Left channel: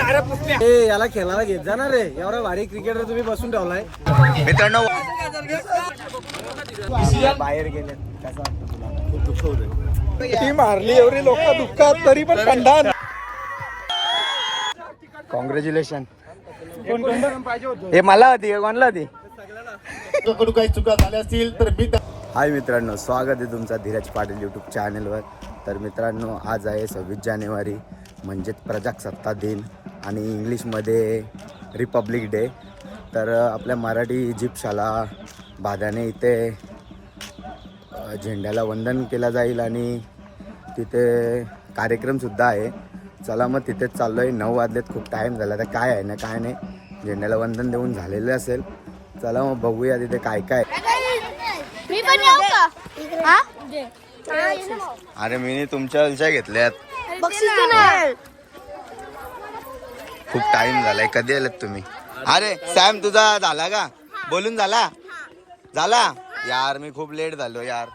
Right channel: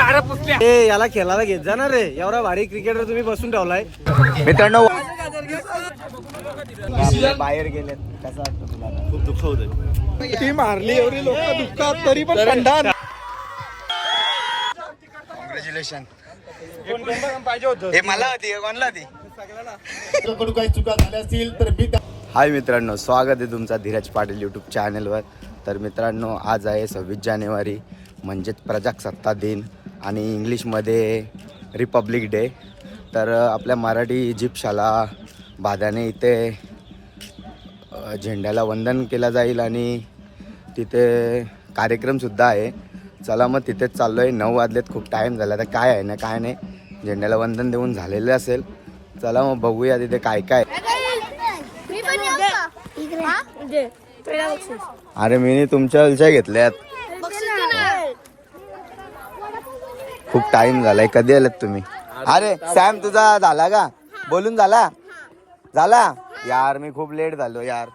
ए याला खेळायला घेत जा ना रे. एवढा भारी क्रिकेटर तुम्ही बसून ठेवलाय. मित्रांनो बाहेर गेले कसं वाटतं तुला? खूप दुःख होत ती मारली एवढी लोक दुखतात तरी पण खंडान कॉंग्रॅच्युलेशन हे मला होती हे कोणला होती? काही चुका झाल्या असतील तर मी हाय मित्रांनो स्वागत आहे तुमचा धीरज पाटील यूट्यूब चॅनलवर तर मित्रांनो आज आहे सव्वीस जानेवारी म्हणजेच प्रजासत्ताक दिन. आणि इंग्लिशमध्ये रिपब्लिक डे. तर आपल्या मराठी जिप्शाला भाद्याने इथे झेंड्याला वंदन केलं जाईल आणि तिथे कार्यक्रमसुद्धा आहे. चला मग तिथेच चाललो आहे नऊ वाजलेत खूप टाईम झाला. तर काय आहे ना काय नाही. झेंड्याला वंदन देऊन झालेलं असेल. चला मग बघूया तिथे काय काय मी पण येऊ का? हा? अरे मी तुमच्या विषय घेतल्यात. खूप टाइम झालाय. कधी आलात तुम्ही? अरे सॅम तुझा झाला का? बोलून झाला? झाला? यार मी खूप लेट झालो यार.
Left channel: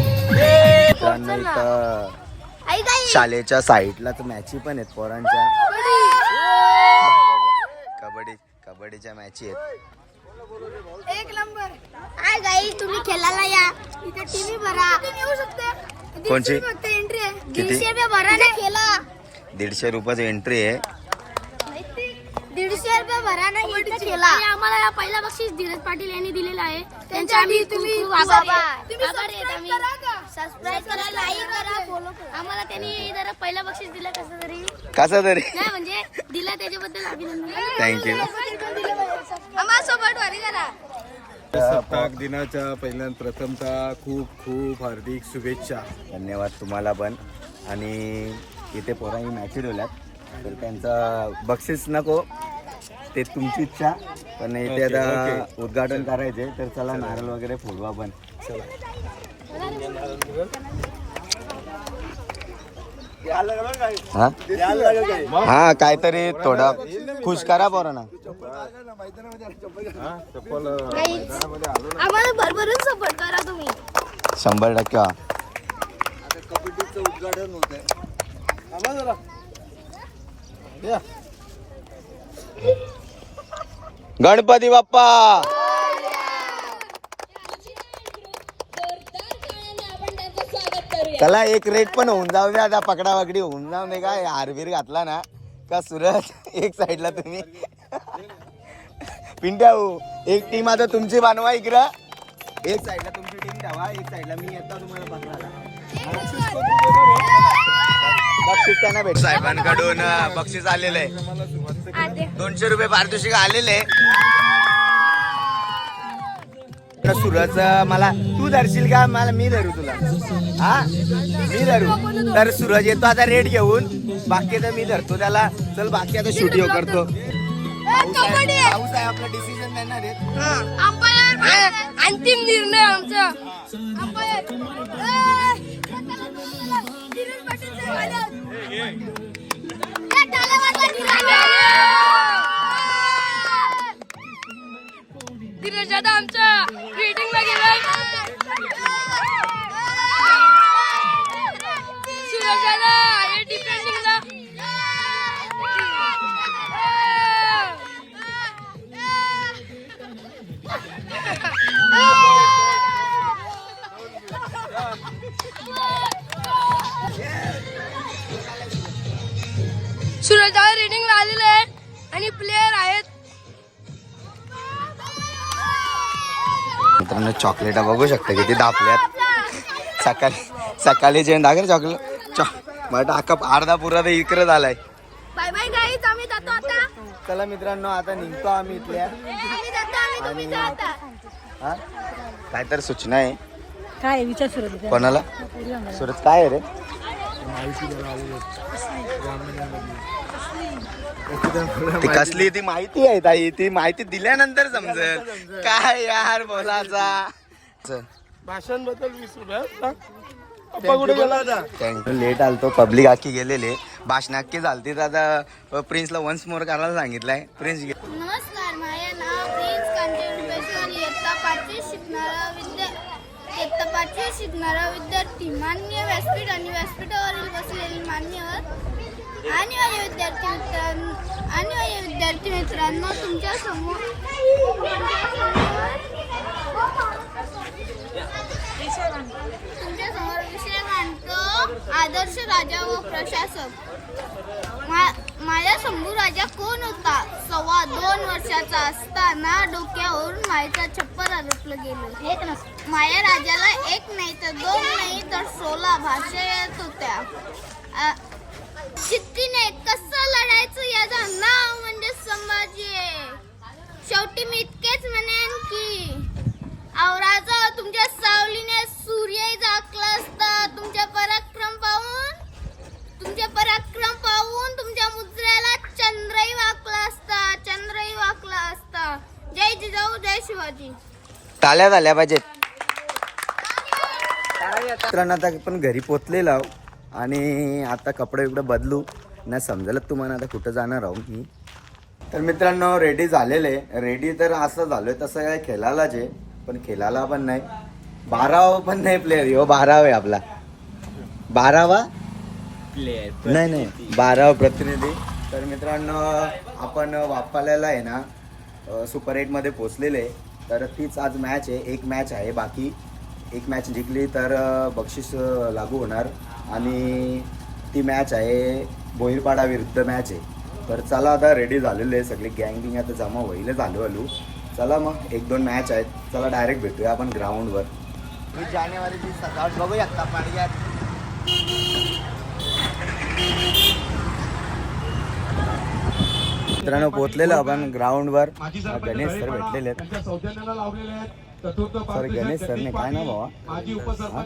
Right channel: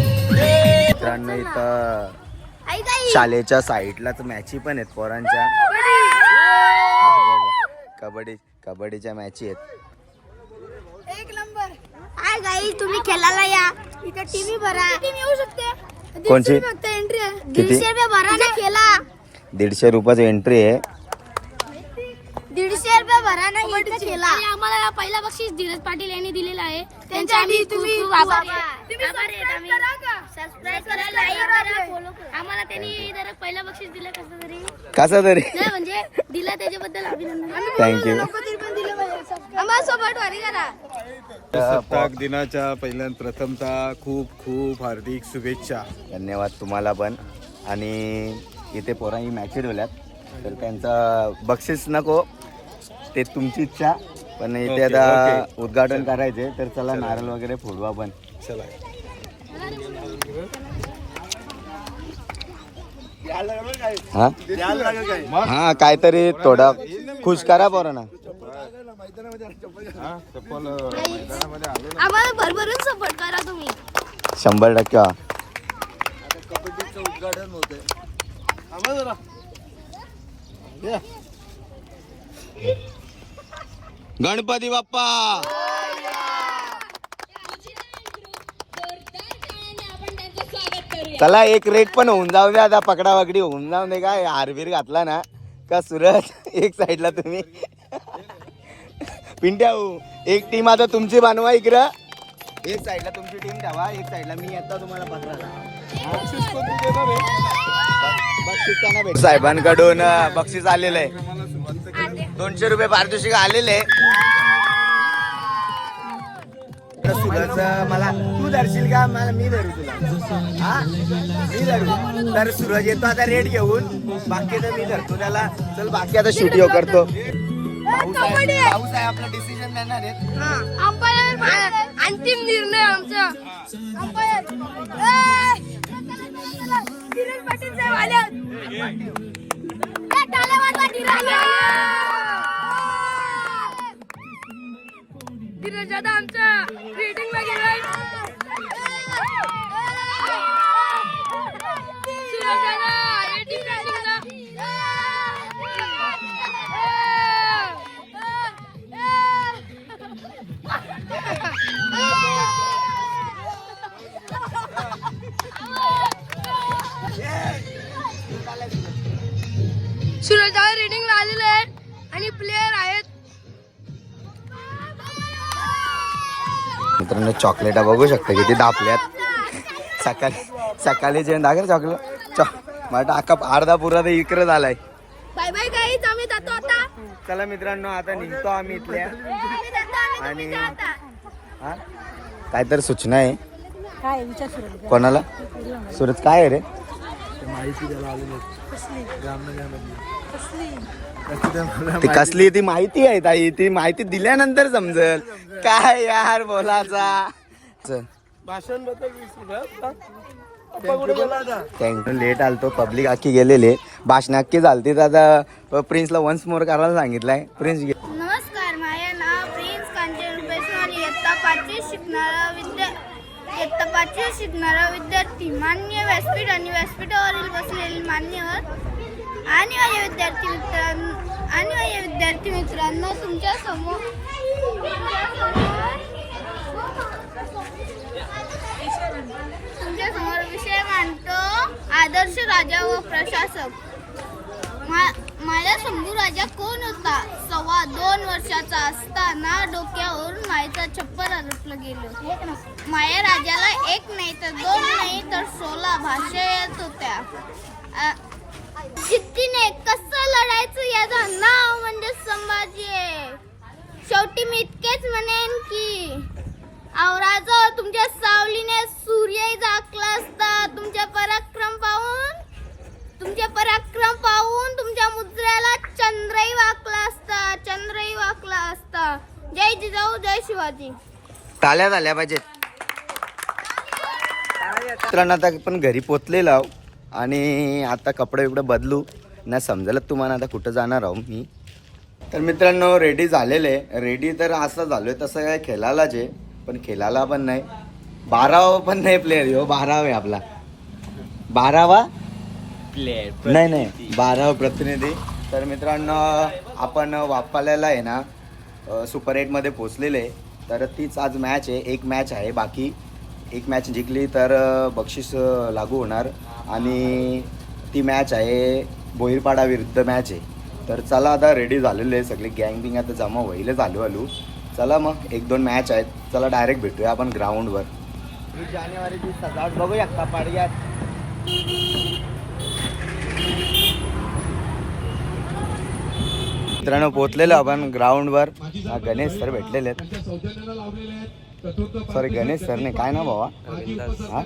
मित्रांनो इथं शाळेच्या साईडलाच मॅची पण आहेत पोरांच्या. कबड्डी कबड्डीच्या मॅची आहेत. एक नंबर. हाय गाई तुम्ही खेळायला या. इथे टीव्ही भरा. येऊ शकते? कोणची? फक्त एंट्री आहे? दीडशे रुपये भरा ना खेळा. दीडशे रुपयाची एंट्री आहे. दीडशे रुपये भरा ना इथे खेळा. आणि आम्हाला या पहिला बक्षीस धीरज पाटील यांनी दिलेला आहे. त्यांचे आम्ही खूप खूप आभारी आहे. आभारी आहेत आम्ही. सबस्क्राईब करा, like करा. आम्हाला त्यांनी जरा पहिला बक्षीस दिलं कसं तरी. कसं तरी? नाही म्हणजे दिलं त्याच्याबद्दल अभिनंदन. थँक्यू आम्हाला सोबत वारी करा सत्ताक दिनाच्या पहिल्या प्रथमतः खूप खूप हार्दिक शुभेच्छा. धन्यवाद तुम्हाला पण. आणि इथे पोरांनी मॅची ठेवल्यात तर त्यांचा बक्षीस नको. ते तुमची इच्छा. पण इथे आता. उद्घाटन करायचे तर चला नारळ वगैरे फोडू आपण चला. हा? हा काहीतरी थोडा खुश करा पोरांना आम्हाला भरभरून सपोर्ट करा तुम्ही. शंभर टक्के. हा. गणपती बाप्पा! चला एक रेट पण होऊन जाऊ दे आता पकडा पकडी होऊन जाऊ दे. काय हारबीर घातला ना का सुरत? एक साईडला तुम्ही. पिंट्या हो एक टीम आता तुमची बांधवा इकडं. एक साईडला तुमची टीम ठेवा एक साईडला मी येतो तुम्हाला पकडायला. बक्षीस भेट साहेबांकडून बक्षीस आलेलं आहे. दोनशे रुपये पारितोषिक आलेले तर सूरज मला तू धरशील का? मला मी धरू तुला. हा? मी धरू. तर सूरज येतो आता रेट घेऊन. बाकी तर मी धरतो त्याला. चल बाकी आता शूटिंग करतो. पाऊस आहे पाऊस आहे आपला डिसिजन देणार अंतिम निर्णय आमचा. धीरज दादा आमच्या मीटिंगला गेलाय. सूरज दादा आहे डिपेंडिंगला सूरज दादा आलेले आहेत. आणि प्लेयर आहेत. मित्रांनो चॉकलेटा बघू शकता किती दापल्यात सकाळी सकाळी जे दाखल चॉकलेट चॉ मला अख्खा अर्धा पुरा तर इकडे झालाय. बाय बाय गाईज आम्ही जातो आता. चला मित्रांनो आता निघतो आम्ही इथल्या. आणि- जातो आता. हा? काय तर सूचना आहे. काय विचार सुरू कोणाला? सुरत काय आहे रे? ती कसली ती माहिती आहे ताई? ती माहिती दिल्यानंतर समजेल. काय यार बोलाचा भाषणबद्दल लेट आलतो पब्लिक आखी गेलेले. भाषण अख्खी झालती तर आता प्रिन्सला वन्स मोर करायला सांगितलंय. प्रिन्स नमस्कार माझे नाव प्रिन्स कांचन रुपेश्वर इयत्ता पाचवी शिकणारा विद्या इयत्ता पाचवी शिकणारा विद्यार्थी मान्य व्यासपीठ आणि व्यासपीठावरील बसलेले मान्यवर आणि माझ्या विद्यार्थी मित्रांनो आणि माझ्या विद्यार्थी मित्रांनो तुमच्यासमोर तुमच्यासमोर विषय मांडतो आदर्श राजा व प्रशासक. मा- माझा शंभू राजा कोण होता? सव्वा दोन वर्षाचा असताना डोक्यावरून मायेचा छप्पर आरोपलं गेलं. माया राजाला एक नाही तर दोन नाही तर सोळा भाषा येत होत्या. जिद्दीने कसं लढायचं याचं नाव म्हणजे संभाजी आहे. शेवटी मी इतकेच म्हणेन की आवराजो तुमच्या सावलीने सूर्य झाकला असता. तुमच्या पराक्रम पाहून तुमचे पराक्रम पाहून तुमच्या मुद्र्याला चंद्रही वाकला असता चंद्रही वाकला असता. जय जिजाऊ जय शिवाजी. टाळ्या झाल्या पाहिजेत. मित्रांनो आता पण घरी पोचलेलो आहोत. आणि आता कपडे बिपडे बदलू. नाही समजेल तुम्हाला आता कुठं जाणार आहो मी. तर मित्रांनो रेडी झालेले. रेडी तर असं झालोय तसं काय खेळायलाच आहे पण खेळायला पण नाही. बारावा पण नाही प्लेअर हो बारावा आहे आपला. बारावा? नाही नाही बारावा प्रतिनिधी. तर मित्रांनो आपण वापाल्याला आहे ना सुपर एटमध्ये पोचलेले आहे. तर तीच आज मॅच आहे. एक मॅच आहे बाकी. एक मॅच जिंकली तर बक्षीस लागू होणार. आणि ती मॅच आहे बोईरपाडा विरुद्ध मॅच आहे. तर चला आता रेडी झालेले आहे सगळे गँग बिंग आता जमा होईल झालो आलो. चला मग एक दोन मॅच आहेत. चला डायरेक्ट भेटूया आपण ग्राउंडवर वीस जानेवारीची सजावट. बघू शकता पाडग्यात. मित्रांनो पोचलेलो आपण ग्राउंडवर गणेश सर भेटलेले आहेत. सॉरी गणेश सरने काय ना भावा? हा?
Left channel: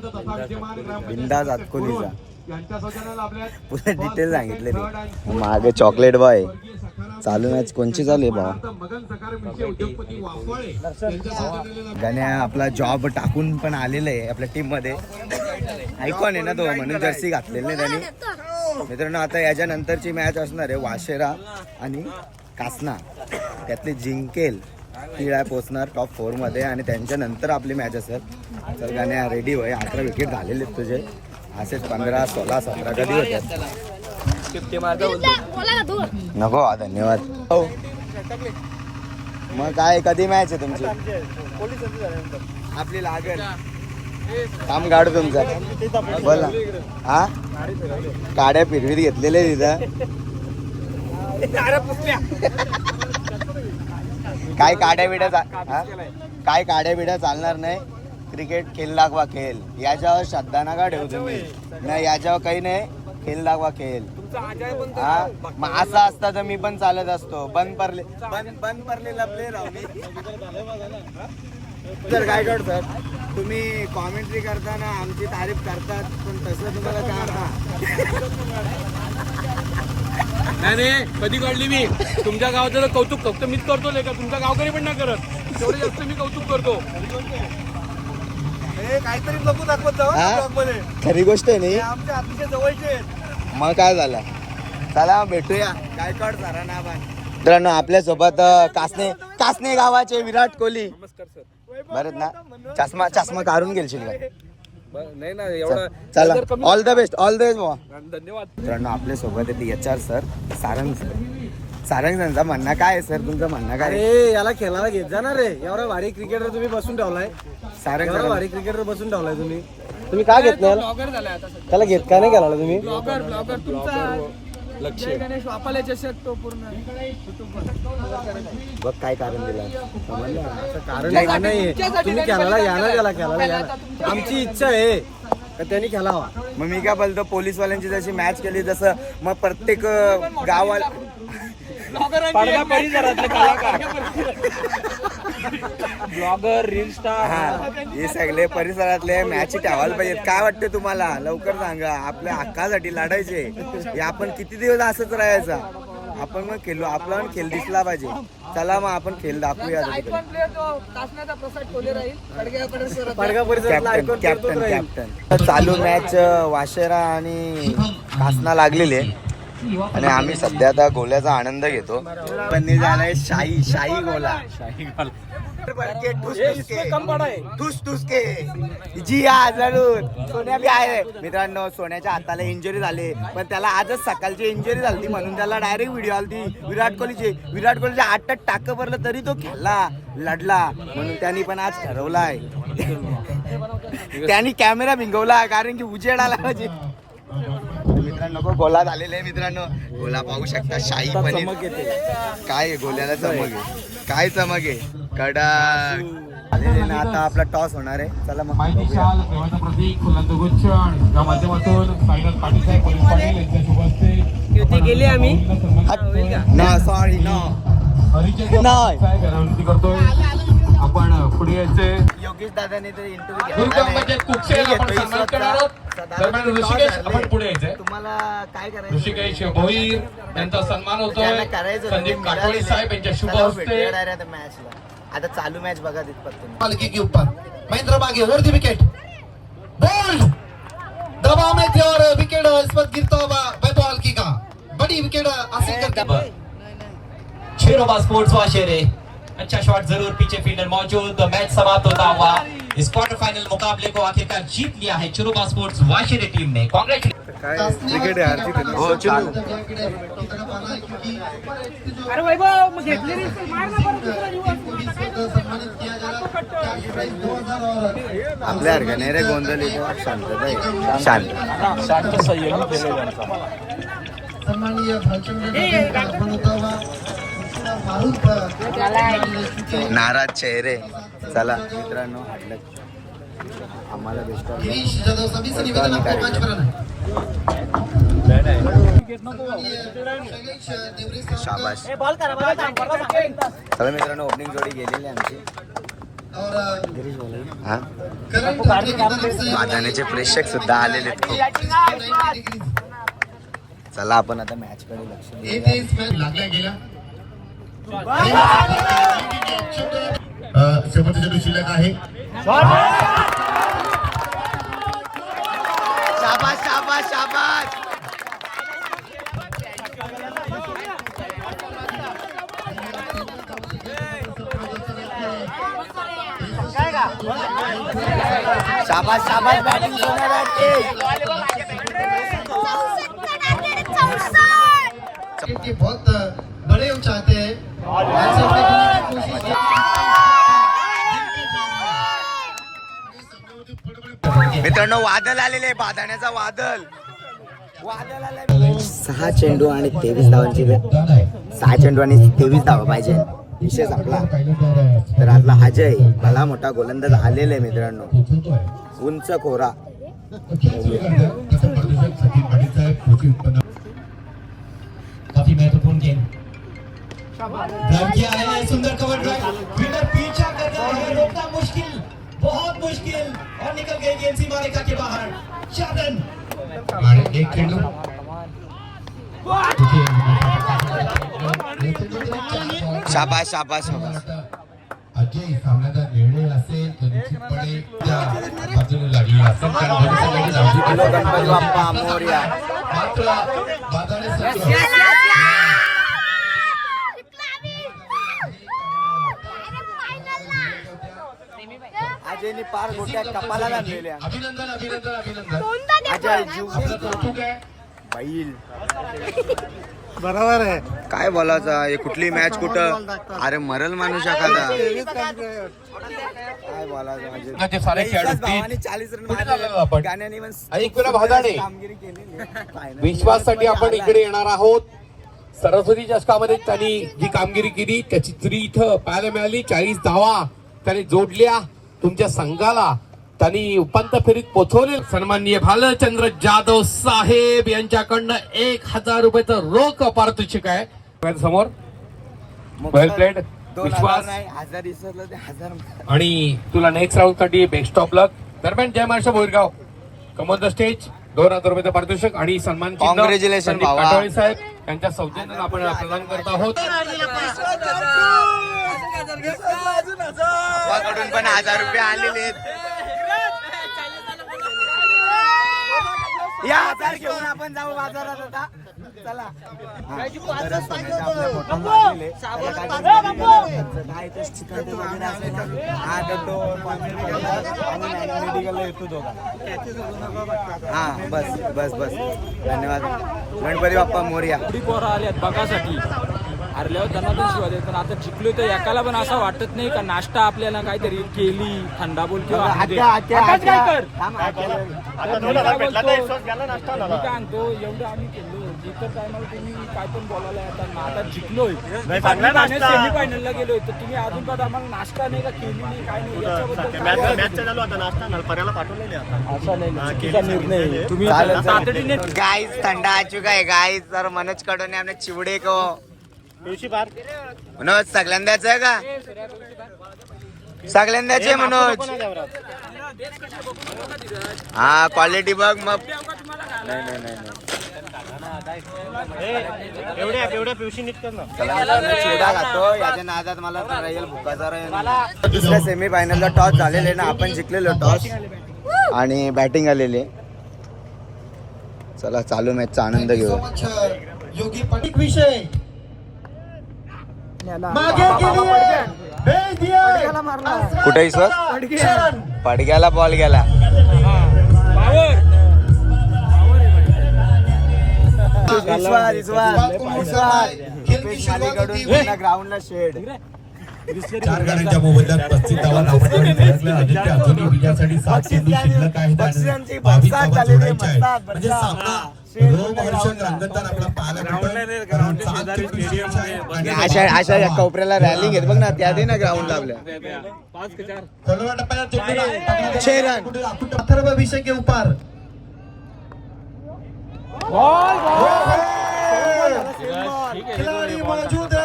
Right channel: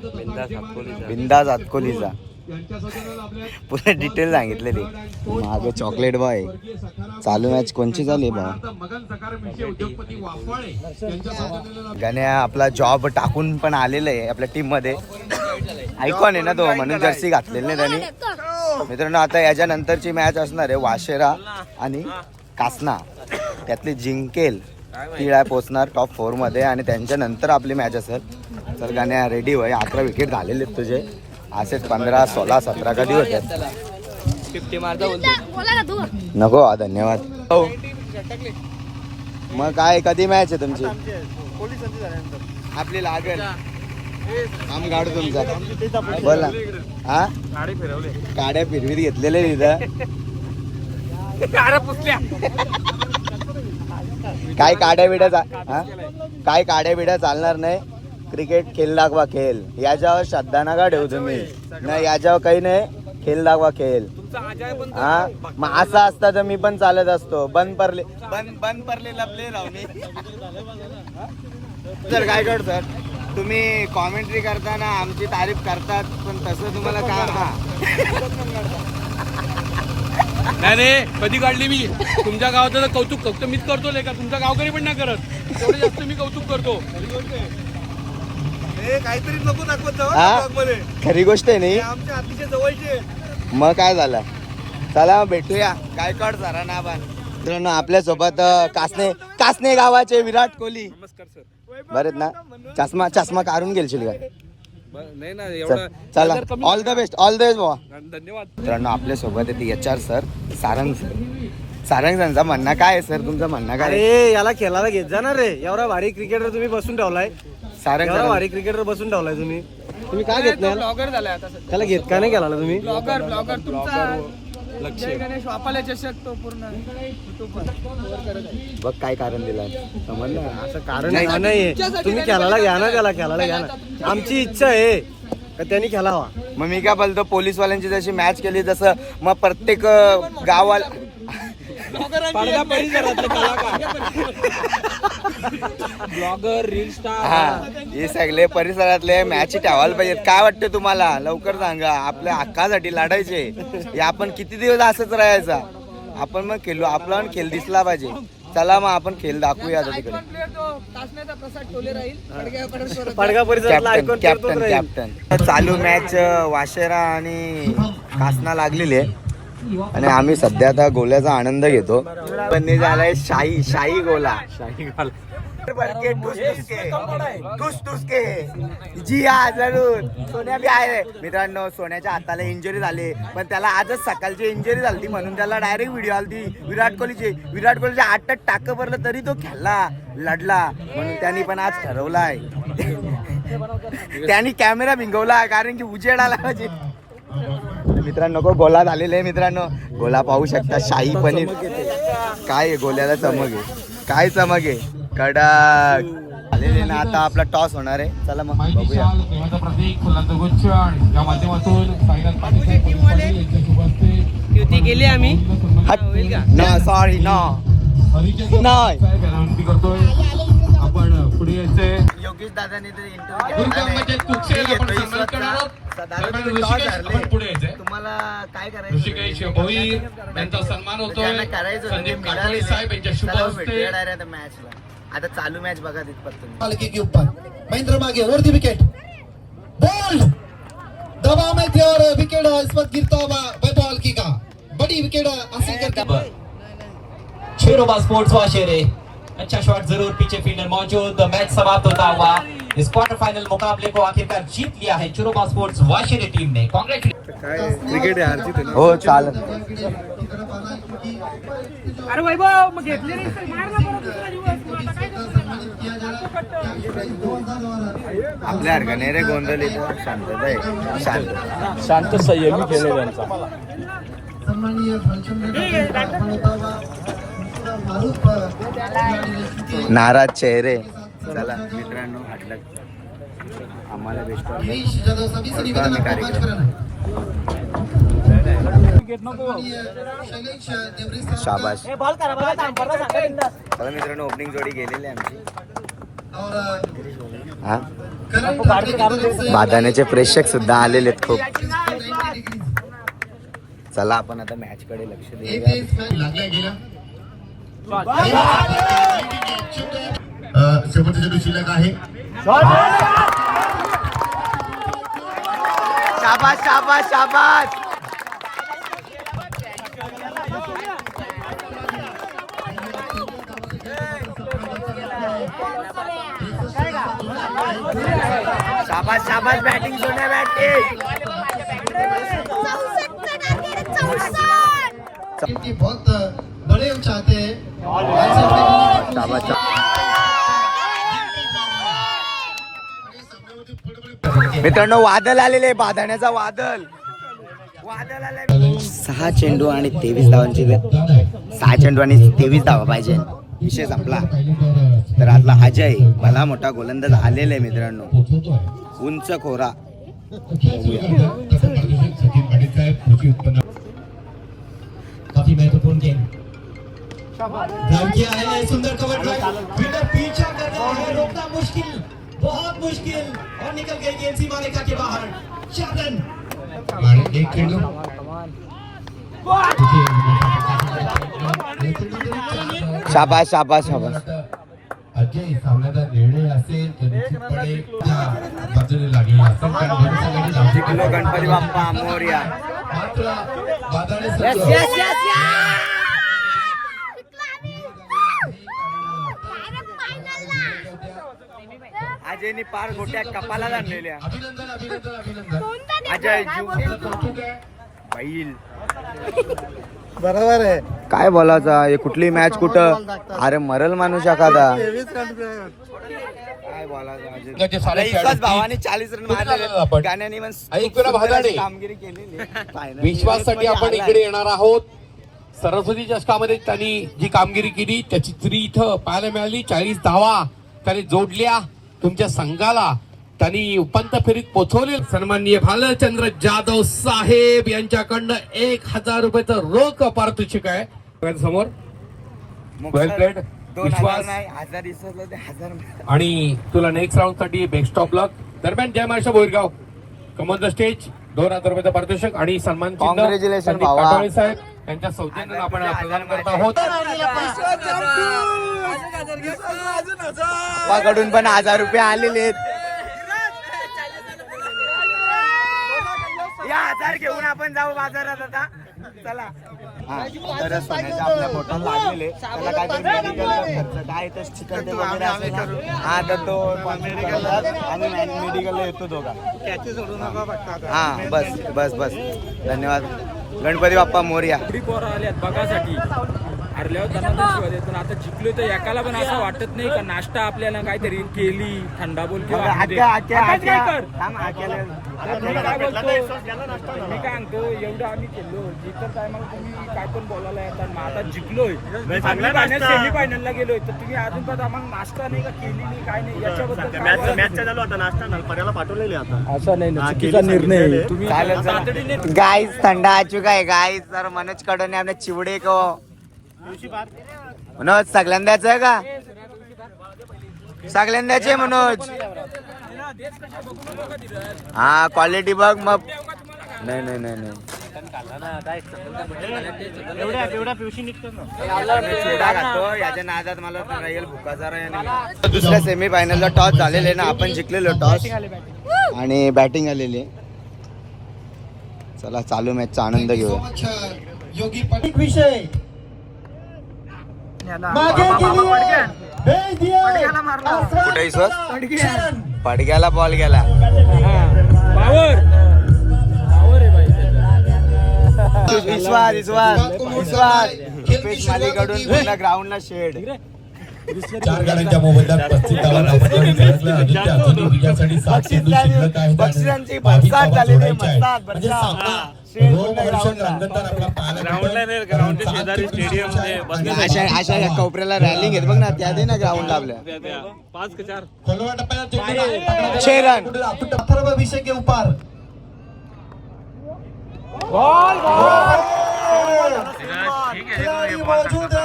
बिंदास आतकोलीचा पुरे डिटेल सांगितलेली. मागे चॉकलेट बॉय चालू मॅच कोणची चालू आहे भावा गण्या आपला जॉब टाकून पण आलेला आहे आपल्या टीममध्ये. आयकॉन आहे ना तो म्हणून जर्सी घातलेली नाही त्यांनी. मित्रांनो आता याच्यानंतरची मॅच असणार आहे वाशेरा आणि कासना. त्यातली जिंकेल. ती काय पोचणार टॉप फोरमध्ये आणि त्यांच्यानंतर आपली मॅच असेल. चल गाण्या रेडी होय. अकरा विकेट झालेले आहेत तुझे. असेच पंधरा सोळा सतरा कधी होतात बोला ना धूर नको हा, धन्यवाद. हो. मग काय कधी मॅच आहे तुमची? आपली लागेल. काम काढू तुमचा. बोला. हा? काड्या फिरवीत घेतलेले तिथं. काय काड्या बिड्या काय काड्या बिड्या चालणार नाही. क्रिकेट खेळ दाखवा खेळ. याच्यावर श्रद्धा नका ठेवू तुम्ही. नाही याच्यावर काही नाही. खेळ दाखवा खेळ. हा? मग असं असतं तर मी पण चालत असतो. बंद पडले बंद बंद पडले लपले राव मी. सर काय करतो सर? तुम्ही कॉमेंट्री करताना आमची तारीफ करतात पण तसं तुम्हाला का नाही नाही कधी काढली मी? तुमच्या गावाचं कौतुक फक्त मीच करतो का तुमच्या गावकरी पण नाही करत. तेवढे जास्त मी कौतुक करतो. काहीतरी बघू दाखवत? खरी गोष्ट आहे नाही आमच्या अतिशय जवळचे मग काय झालं? चला भेटूया. काय कळ जरा ना आपण मित्रांनो आपल्यासोबत कासने कासने गावाचे विराट कोहली. बरेच ना? चष्मा चष्मा काढून गेलशील का? नाही ना चल, चला. All the best all the best भावा धन्यवाद. मित्रांनो आपल्यासोबत येते H R sir Sarang sir Sarang सरांचं म्हणणं काय आहे सर तुमचं म्हणणं काय आहे? अरे याला खेळायला घेत जा ना रे. एवढा भारी क्रिकेटर तुम्ही बसून ठेवलाय. सारंग एवढा सर भारी क्रिकेटर बसून ठेवलाय तुम्ही. तुम्ही काय घेतलं याला? ब्लॉगर झालाय आता सध्या. त्याला घेत का? नाही केला तुम्ही? ब्लॉगर ब्लॉगर तुमचा जय गणेश वापाला चषक तो पूर्ण. बघ काय कारण दिलं. समजलं? असं कारण नाही नाहीये. तुम्ही खेळायला घ्या ना त्याला खेळायला घ्या ना. आमची इच्छा आहे का त्यांनी खेळावा मग मी काय बोलतो पोलीसवाल्यांची जशी मॅच केली तसं मग प्रत्येक अं, गावाला पडदा परिसरातले ब्लॉगर रील स्टार हा हे सगळे परिसरातले मॅच ठेवायला पाहिजेत. काय वाटतं तुम्हाला? लवकर सांगा. आपल्या हक्कासाठी लढायचे. हे आपण किती दिवस असंच राहायचा? आपण मग खेळू आपला पण खेळ दिसला पाहिजे. चला मग आपण खेळ दाखवूया आता तिकडे. पडगा परिसरातला कॅप्टन कॅप्टन कॅप्टन चालू मॅच वाशेरा आणि कासना लागलेली. आहे आणि आम्ही सध्या आता गोल्याचा आनंद घेतो. पण झालंय शाही शाही गोला. शाही गोला. ठुस ठुस. जी हा जरूर. सोन्या बी आहे. मित्रांनो सोन्याच्या हाताला इंजुरी झाली. पण त्याला आजच सकाळची इंजुरी झाली म्हणून त्याला डायरेक्ट व्हिडिओ आली विराट कोहलीची विराट कोहलीच्या आठ टाक भरलं तरी तो खेळला लढला. म्हणून त्यांनी पण आज ठरवलाय. त्यांनी कॅमेरा भिंगवला कारण की उजेड आला पाहिजे मित्रांनो गो गोला झालेले आहे मित्रांनो. गोला पाहू शकता शाही पनीर. काय आहे गोल्याला चमक आहे? काय चमक आहे? कडक. आलेले ना आता आपला टॉस होणार आहे. चला मग बघूया. युती केली आम्ही. ना सॉरी नो नाही. करतोय. आपण पुढे यायचे. योगेश दादाने तर इंटरव्ह्यू यायचे. तुम्हाला काय करायचं? सन्मान करायचं होतं, संदीप ते काकोडे मिळालं. साहेब यांच्या शुभ चला हस्ते भेटूया direct आता चालू मॅच बघा तिथपर्यंत पालकी के महेंद्र मागे वरती विकेट बॉल दबाव में थे और विकेट इस वक्त गिरता हुआ बैपालकी का बड़ी विकेट हासिल करके शेरोबा स्पोर्ट्स वाशेरे. अच्छा शॉट जरूर पीछे फील्डर मौजूद. मैच समाप्त होता हुआ. इस क्वार्टर फाइनल मुकाबले को आखिरकार जीत लिया है चिरोबा स्पोर्ट्स वाशेरे टीम ने. क्रिकेट ते हो चालू अरे वैभव घेतले रे मार ना परत दुसरा काय आपल्या हरकत नाही रे गोंधळ इथं. शांतता आहे शांत. शांत संयमी खेळ नाराज चेहरे. चला मित्रांनो हाडलं आम्हाला बेस्ट रमेश करतो आम्ही कार्यक्रम. शाबाश चला मित्रांनो ओपनिंग जोडी गेलेली आहे आमची. हा? बादाण्याचे प्रेक्षक सुद्धा आलेले आहेत खूप. चला आपण आता मॅच कडे लक्ष देऊया. शिल्लक आहे शाबाश शाबाश शाबाश शाबाश शाबाश बॅटिंग सोन्या बॅटिंग बहुत बड़े हम चाहते हैं मित्रांनो वादळ आलेले बाधाण्याचा वादळ वादळ आले सहा चेंडू आणि तेवीस धावांची सहा चेंडू आणि तेवीस धावा पाहिजे. विषय संपला. तर आतला अजय भला मोठा गोलंदाज आलेला आहे मित्रांनो. उंच खोरा काफी महत्त्वपूर्ण ड्राइव किया है सुंदर कवर ड्राइव फील्डर पीछे कर रहा है रोकना मुश्किल बहुत मुश्किल और निकल गई गेंद सीमा रेखा के बाहर शादन आणि एक चेंडू शाबाश शाबाश शाबास अजय सामन्याचा निर्णय असेल तो निश्चितपणे त्या बाजूने लागलेला असेल कारण गणपती बाप्पा मोर्या अजयने पार गोट्या कपाला आणलेल्या. अजय जीव बैल. बरोबर आहे. काय बोलायचा हे कुठली मॅच कुठं? अरे मरल माणूस एखादा. काय बोलायचं अजय? भावाने चाळीस रन. गाण्याने. कामगिरी विश्वाससाठी आपण आलाय. इकडे येणार आहोत. सरस्वती चषकामध्ये त्यांनी जी कामगिरी केली त्याची तरी इथं पाहायला मिळाली. चाळीस धावा त्याने जोडल्या. तुमच्या संघाला त्यांनी उपांत्य फेरीत पोहोचवले सन्माननीय भालचंद्र जाधव साहेब यांच्याकडनं एक हजार रुपयाचं रोख पारितोषिक आहे. समोर. आणि तुला नेक्स्ट राऊंडसाठी बेस्ट ऑफ लक दरम्यान जय Maharashtra Borgaon. Come on the stage दोन हजार रुपयाचं पारितोषिक आणि सन्मान. काटोळे साहेब. यांच्या सौजन्यानं आपण प्रदान करत आहोत. कडून पण हजार रुपये आलेले आहेत. या हजार घेऊन आपण जाऊ बाजारात आता. चला. हा, तर आपल्या लागलेले. काय चिकन वगैरे असेल. हा तर तो मेडिकल आम्ही मेडिकलला येतो दोघा हा बस बस बस. धन्यवाद. गणपती बाप्पा मोर्या. बघासाठी? हरल्यावर धनादन शिवाय पण आता जिंकलो तर एकाला पण असं वाटत नाही का नाश्ता आपल्याला काहीतरी केली थंडा बोल किंवा थांब, तर मी काय बोलतो? मी काय सांगतो एवढं आम्ही केलो इतर टायमाला तुम्ही काय पण बोलायला येतात. मग आता जिंकलोय. फायनल सेमी फायनलला गेलोय. तर तुम्ही अजून पण आम्हाला नाश्ता नाही का केली नाही काय नाही याच्याबद्दल काय बोलायचं? असं नाही ना, चुकीचा निर्णय. आहे. तुम्ही चालेल गाईज थंडा आ चुका आहे. गाईज तर मनोज कडोने आपले चिवडे को मनोज सगळ्यांदाच आहे का? सगळ्यांदाच आहे मनोज. हा क्वालिटी बघ मग. नाही, नाही, नाही, नाही. चला मित्रांनो, चिवडा खातो याच्या नादात मला राहील भुकाचा राहील दुसऱ्या सेमी फायनलला टॉस झालेले ना. आपण जिंकलेलो टॉस आणि बॅटिंग आलेली चला चालू मॅचचा आनंद घेऊया. योगी. पटिक विषय. कुठे सर पडग्याला बॉल गेला. विश्वास विश्वास. ग्राउंडला शेड चार गाड्यांच्या मोबदल्यात पस्तीस धावा नाबादीने झळकल्या. आदित्य अजूनही विजयासाठी सात चेंडू शिल्लक आहेत. बावीस धावा जोडायच्या आहेत. म्हणजे. सामना शिल्लक आहेत. अशा कोपऱ्याला रॅलिंग आहेत बघ ना त्या दे ना ग्राउंडला आपल्या. खोलवा टप्प्याला चेंडू पकडायचा. छह रन. कुठे अथर्व विषय के ऊपर मौजूद है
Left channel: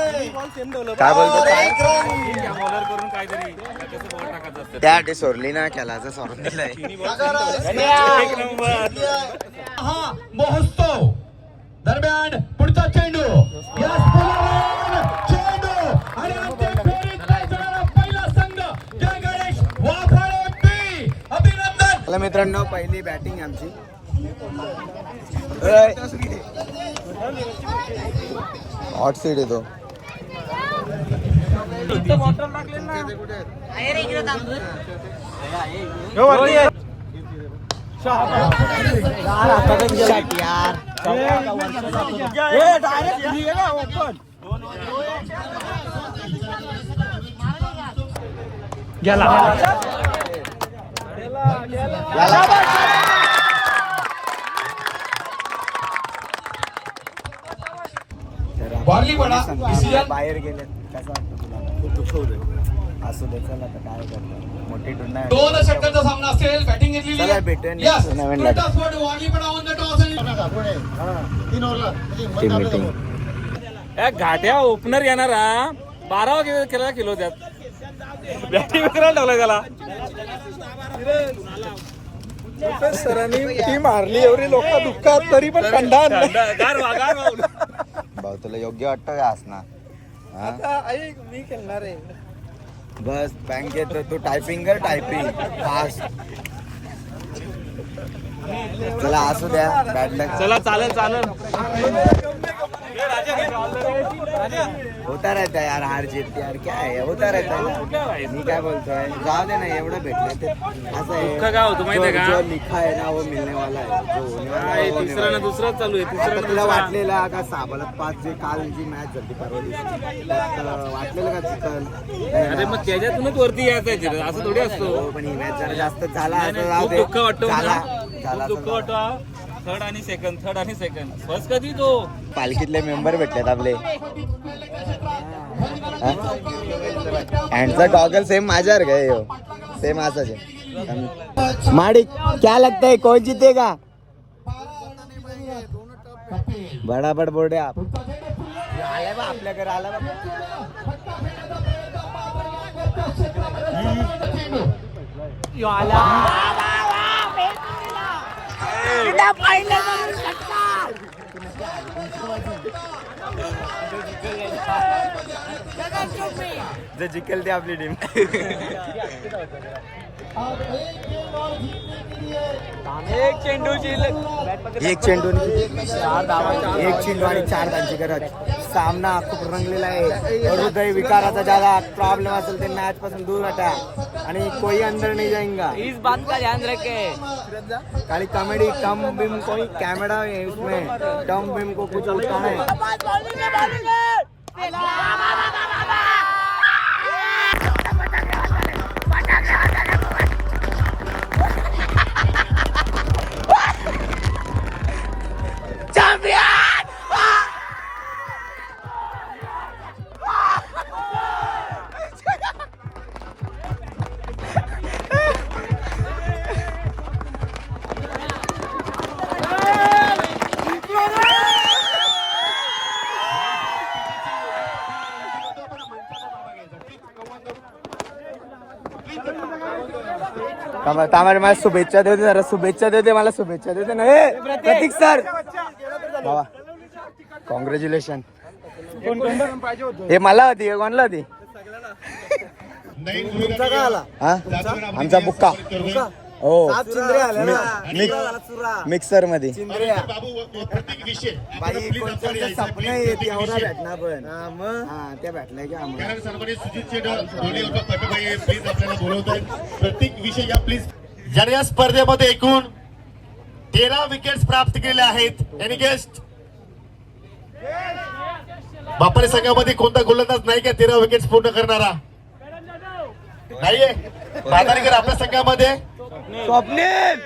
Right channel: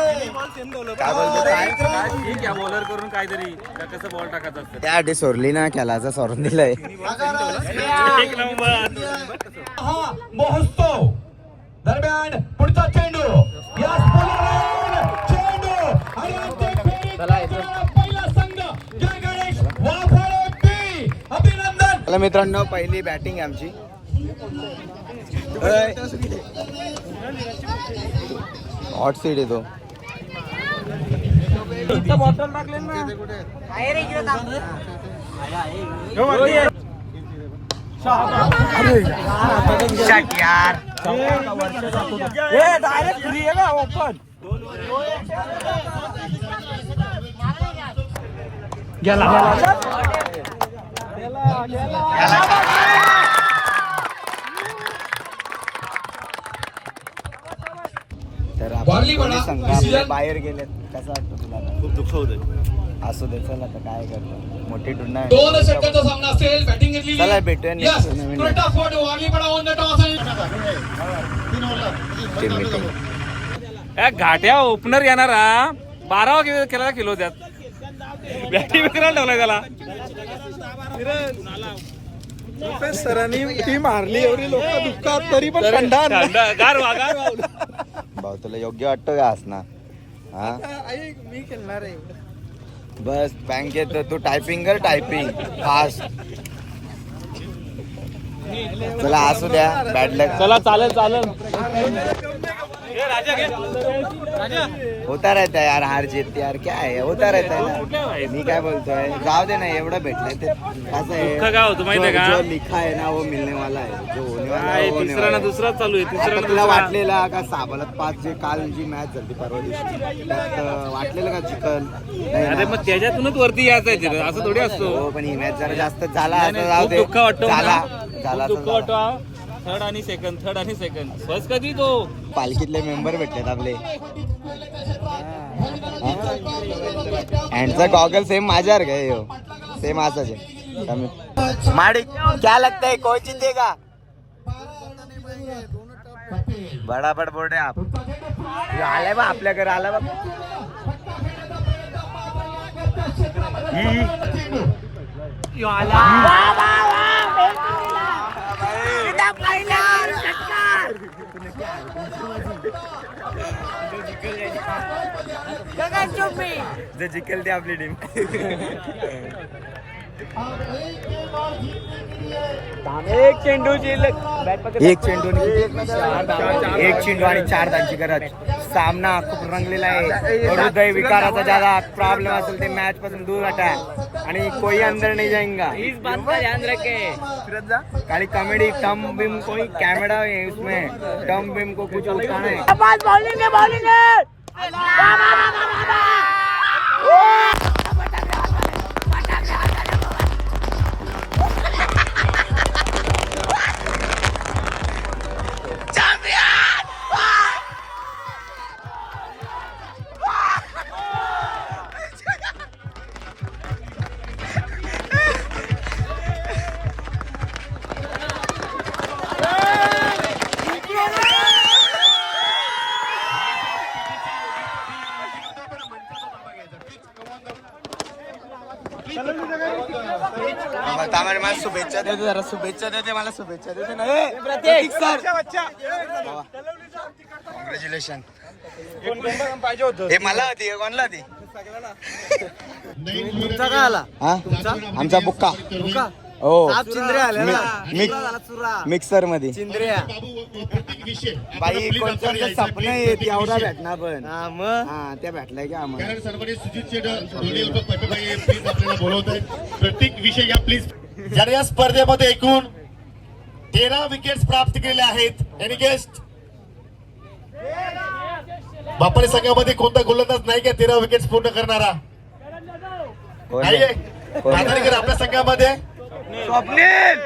काय बोलतो? काय? ठीक आहे बॉलर करून काहीतरी कसं बॉल टाकायचं असतं? त्यासाठी सोडली ना खेळाचा सोडून दिलाय. हा महोत्सव दरम्यान पुढचा चेंडू. या स्फोटाला चेंडू. आणि अंतिम फेरीत पोहोचणारा पहिला संघ जय गणेश वाफळे बी. अभिनंदन. चला मित्रांनो पहिली बॅटिंग आमची. हॉट सीट येतो यार गेला. तर आपण बाहेर गेले कसं वाटतं? खूप दुःख होत असू दे चला आता काय करतो. मोठी टुर्नामेंट दोन षटकांचा सामना असेल बॅटिंग घेतलेली. चला भेटूया टीम मीटिंग घाट्या ओपनर येणारा बारावा केला केला किलो त्यात. बॅटिंग विकरायला ठेवलाय त्याला. सरांनी ती मारली एवढी लोक दुखतात तरी पण गारवा भाऊ तुला योग्य वाटतं का असणार हा? मी खेळणार आहे. बस बँकेत तू टायपिंग कर टायपिंग फास्ट चला असू द्या. बॅड लक चला चालेल चालेल. होता रहता है यार हार जीत यार क्या है होता रहता है मी काय बोलतोय? जाऊ दे ना एवढं भेटलंय ते. असं आहे. होतं जो- का? जो लिखा है ना वो मिलने वाला है जो होने वाला है काय वो होने तिसरा ना वाला है. चालू आहे तिसरा आता ना तुला दुसरा. वाटलेला का साबालात पाच जे काल जी मॅच झाली परवा दिवशी? त्यात अं, वाटलेलं का चिकन? अरे. मग त्याच्यातूनच वरती यायचं आहे तिथं. असं थोडी असतो. हो पण ही मॅच जरा जास्त झाला नाही, असं नाही, जाऊ खूप दे. दुःख वाटतो झाला. झाला खूप असं दुःख झाला. वाटतो थर्ड आणि सेकंड थर्ड आणि सेकंड फर्स्ट कधी तो? पालखीतले मेंबर भेटलेत आपले. हँडचा गॉगल सेम माझ्यावर काय हो सेम असाच आहे. माडिक क्या लगता है? कौन जीतेगा? बडा बड बोर्डे आप. आलाय बा आपल्या घरी आला बा. जे जिंकेल ते आपली टीम एक चेंडूची एक चेंडू आणि? एक चेंडू आणि चार धांची गरज. सामना खूप रंगलेला आहे. हृदय विकाराचा ज्यादा प्रॉब्लेम असेल ते मॅच पासून दूर हटा. आणि कोई अंदर नहीं जाएगा। इस बात का ध्यान रखे। खाली कॉमेडी टम बिम कोई कैमरा है उसमें टम बिम को कुछ उठाना है। थांबा थांबा रे, मला शुभेच्छा देते जरा शुभेच्छा देते मला शुभेच्छा देते ना ए, प्रतीक। सर। कॉंग्रॅच्युलेशन हे। मला होती हे कोणला होती? हा? आमचा बुक्का. हो. मिक्सरमध्ये बाई कोणतं सपन भेटणार पण. हा त्या भेटलाय का आम्हाला. प्रत्येक विषय या प्लीज. ज्याने या स्पर्धेमध्ये एकूण तेरा विकेट्स प्राप्त केले आहेत एनी गेस्ट बापारी संघामध्ये कोणता गोलंदाज नाही का तेरा विकेट्स पूर्ण करणारा? नाहीये. आपल्या संघामध्ये. स्वप्नील!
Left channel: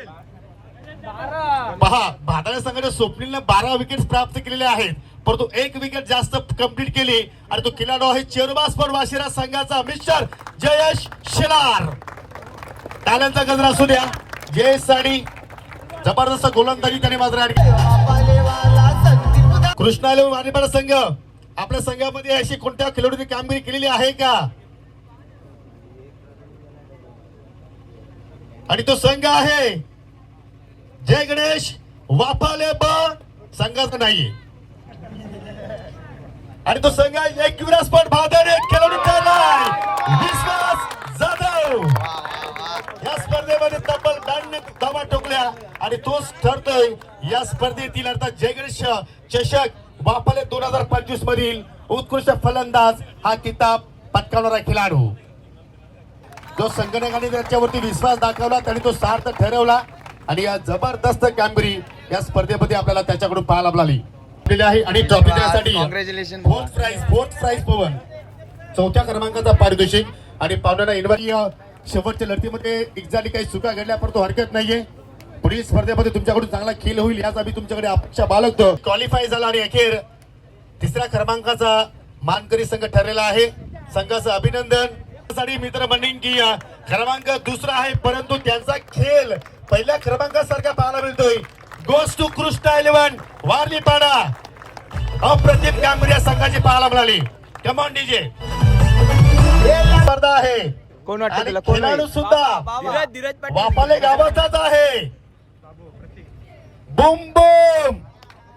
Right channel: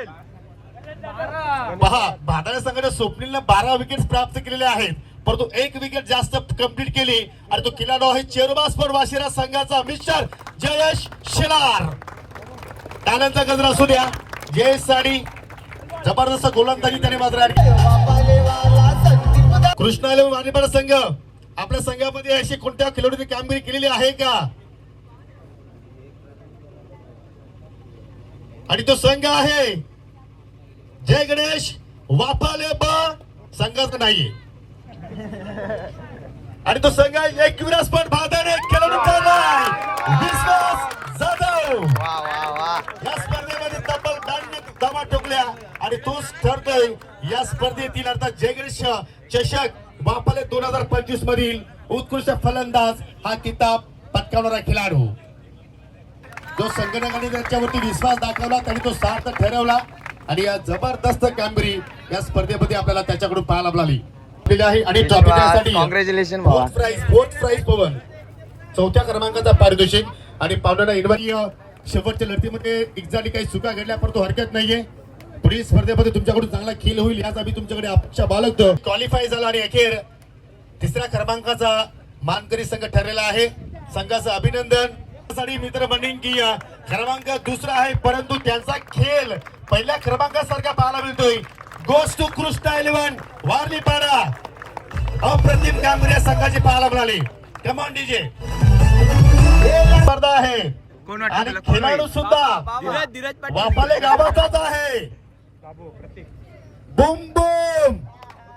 पहा भादार संघाने स्वप्नीलने बारा विकेट प्राप्त केलेले आहेत. परंतु एक विकेट जास्त कंप्लीट केली आणि तो खेळाडू आहे चेरुबास्पर वाशिरा संघाचा मिस्टर जयेश शेलार. टाळ्यांचा गजर असू द्या. जयेश साडी जबरदस्त गोलंदाजी त्याने मात्र कृष्णा वाणीपाडा संघ आपल्या संघामध्ये अशी कोणत्या खेळाडूने कामगिरी केलेली आहे का? आणि तो संघ आहे जय गणेश वापाले ब नाही आणि तो संघ एक विरासपट भादर एक खेळाडू विश्वास जाधव. या स्पर्धेमध्ये तब्बल ब्याण्णव धावा ठोकल्या आणि तोच ठरतोय. या स्पर्धेतील अर्थात जयगणेश चषक वापाले दोन हजार पंचवीस मधील उत्कृष्ट फलंदाज हा किताब पटकावणारा खेळाडू. जो संगणकाने त्याच्यावरती विश्वास दाखवला त्याने तो सार्थ ठरवला. आणि या जबरदस्त कामगिरी या स्पर्धेमध्ये आपल्याला त्याच्याकडून पाहायला मिळाली. दिलेली आहे आणि trophy congratulation fourth prize fourth prize Pavan. चौथ्या क्रमांकाचा पारितोषिक आणि पाहुण्यांना इन्व्हाइट शेवटच्या लढतीमध्ये एकजाली काही चुका घडल्या परंतु हरकत नाहीये. पुढील स्पर्धेमध्ये तुमच्याकडून चांगला खेळ होईल याच आम्ही तुमच्याकडे अपेक्षा बाळगतो. क्वालिफाय झाला आणि अखेर तिसऱ्या क्रमांकाचा मानकरी संघ ठरलेला आहे. संघाचं अभिनंदन. साठी मित्र म्हणेन की क्रमांक दुसरा आहे परंतु त्यांचा खेळ पहिल्या क्रमांकासारखा पाहायला मिळतोय. Goes to Krishna eleven Warli Pada अप्रतिम कामगिरी या संघाची पाहायला मिळाली. कमॉन डीजे स्पर्धा आहे. कोण वाटतं आणि तुला? कोण खेळाडू होईल सुद्धा वापाले गावाचाच आहे. बुम बुम.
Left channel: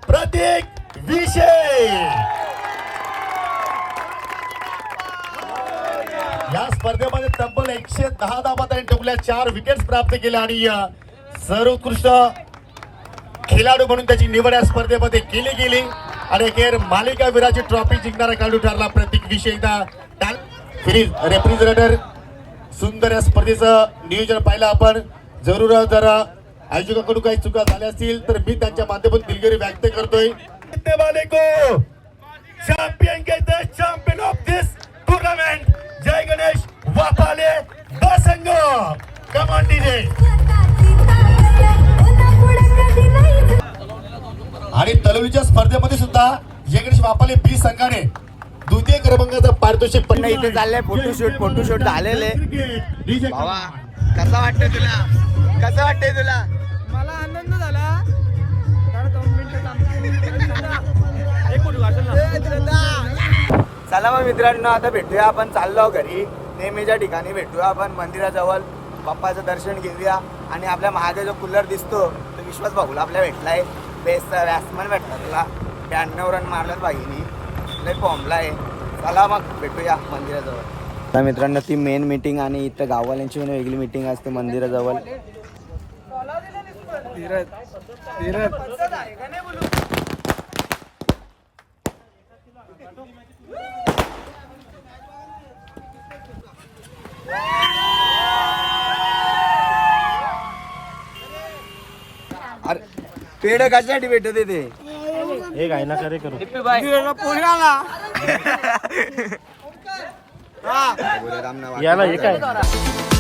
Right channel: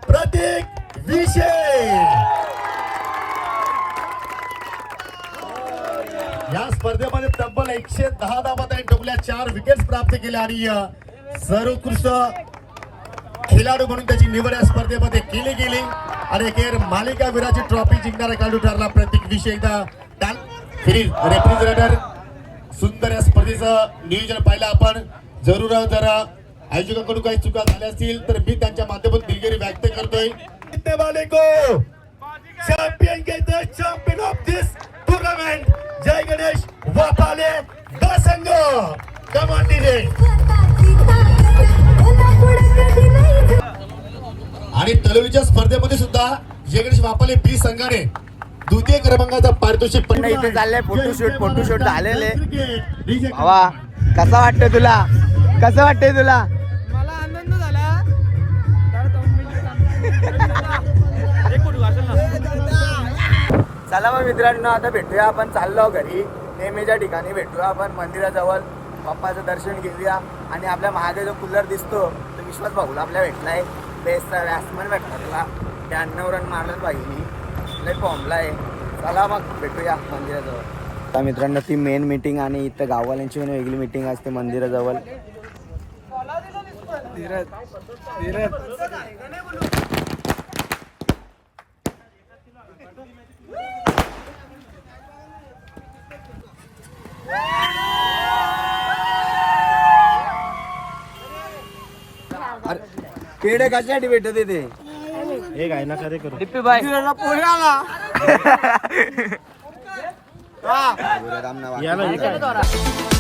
प्रतीक विषय या स्पर्धेमध्ये तब्बल एकशे दहा धावा त्याने टोकल्या चार विकेट प्राप्त केल्या आणि सर्वोत्कृष्ट खेळाडू म्हणून त्याची निवड या स्पर्धेमध्ये केली गेली. आणि अखेर मालिका विराची ट्रॉफी जिंकणारा खेळाडू ठरला. प्रत्येक विषय एकदा रेफ्रिजरेटर सुंदर या स्पर्धेचं नियोजन पाहिलं आपण. जरूर जरा आयोजकाकडून काही चुका झाल्या असतील तर मी त्यांच्या माध्यमातून दिलगिरी व्यक्त करतोय. Champion champion of this tournament जय गणेश वापाले बसंग. कमान डीजे आणि तलवलीच्या स्पर्धेमध्ये सुद्धा जय गणेश वापाले बी संघाने द्वितीय क्रमांकाचा पारितोषिक पण इथे चाललंय फोटोशूट फोटोशूट झालेले. भावा कसा वाटतंय तुला? कसं वाटतंय तुला? मला आनंद झाला. दोन मिनिटं चला मग मित्रांनो आता भेटूया आपण. चाललो घरी. नेहमीच्या ठिकाणी भेटूया आपण. मंदिराजवळ पप्पाचं दर्शन घेऊया. आणि आपल्या महादेव जो कूलर दिसतो तो विश्वास भाऊला आपल्या भेटलाय. बेस्ट व्यासमन भेटला तुला. ब्याण्णव रन मारलं भाईनी लय फॉर्मला आहे. चला मग भेटूया मंदिराजवळ. तर मित्रांनो ती मेन मीटिंग आणि इथं गाववाल्यांची पण वेगळी मीटिंग असते मंदिराजवळ. धीरज धीरज अरे पेढ कशासाठी भेटत ते पुण्याला हा. रामनाथ वाटतं.